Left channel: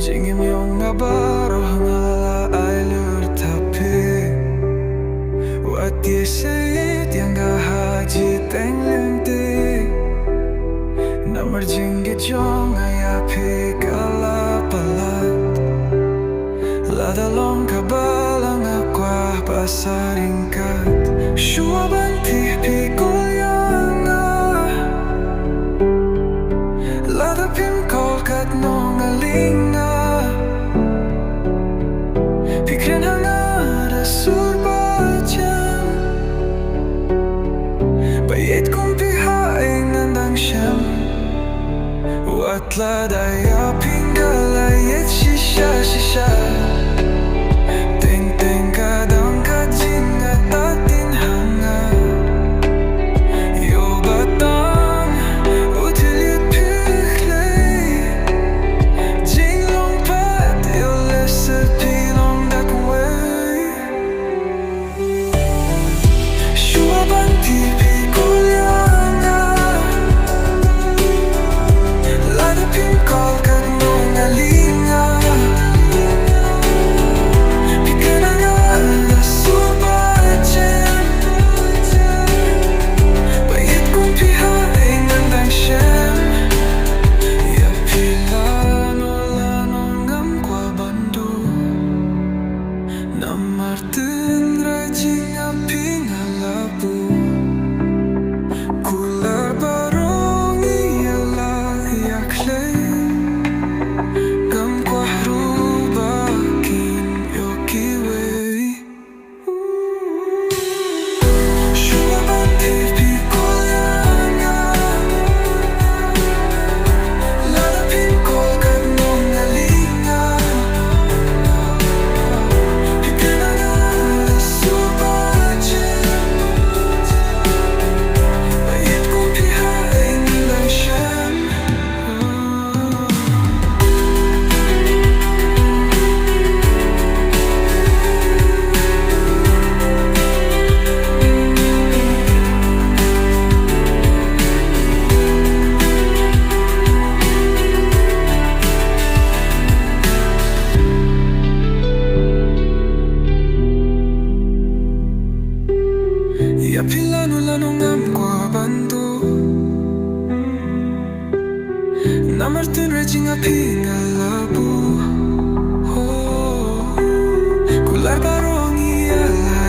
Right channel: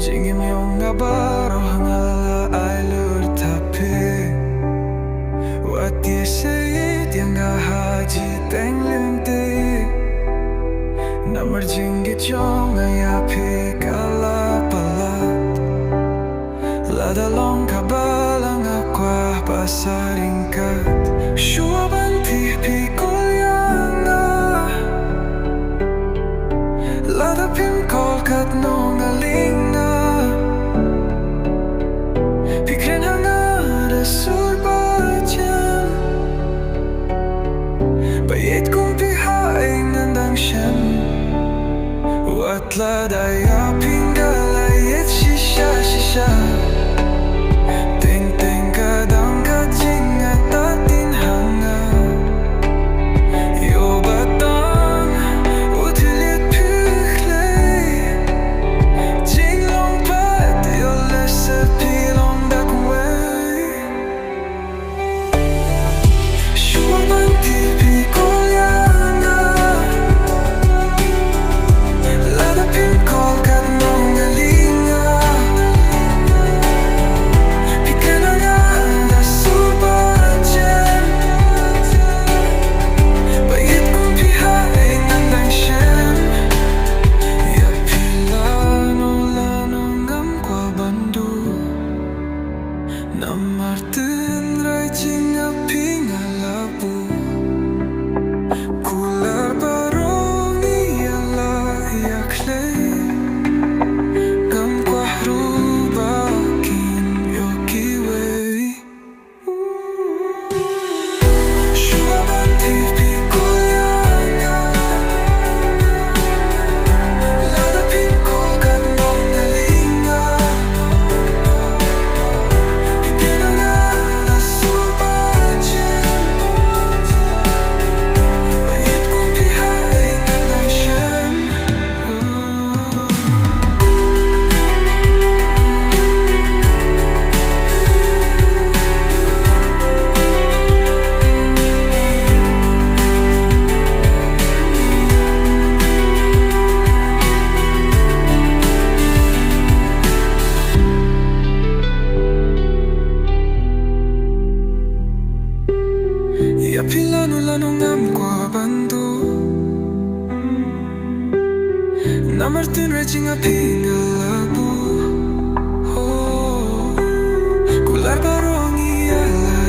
Jingim yung abaro ngala ay lurtapi Wat ieit yang haji teng lyngti Namar jinggit yung ayapi kala palat Lada long kabalang akwa pasaringkat Shuaban tipi kolyanga Lada pim kolkat nong alinga Pikren hangada surbajan Bayet kong pihain ngandang siyam Wat ladaya pinggal ayet shisha Teng kadang kajing at atin hanga Yo batang utilit piklay Jing long pat yo lesser pilong dakway Shuaban tipi kolyanga Lada pim kolkat nong alinga Ya pilano lano ngam kwa bandu Namartin rajing api ngalabu Kular barong iyalah yaklay Ngam kwa hrubakin yokiway Shuaban tipi Ya pilano ngam kwa bandu Namartin rajing api ngalabu Kular barong iyalah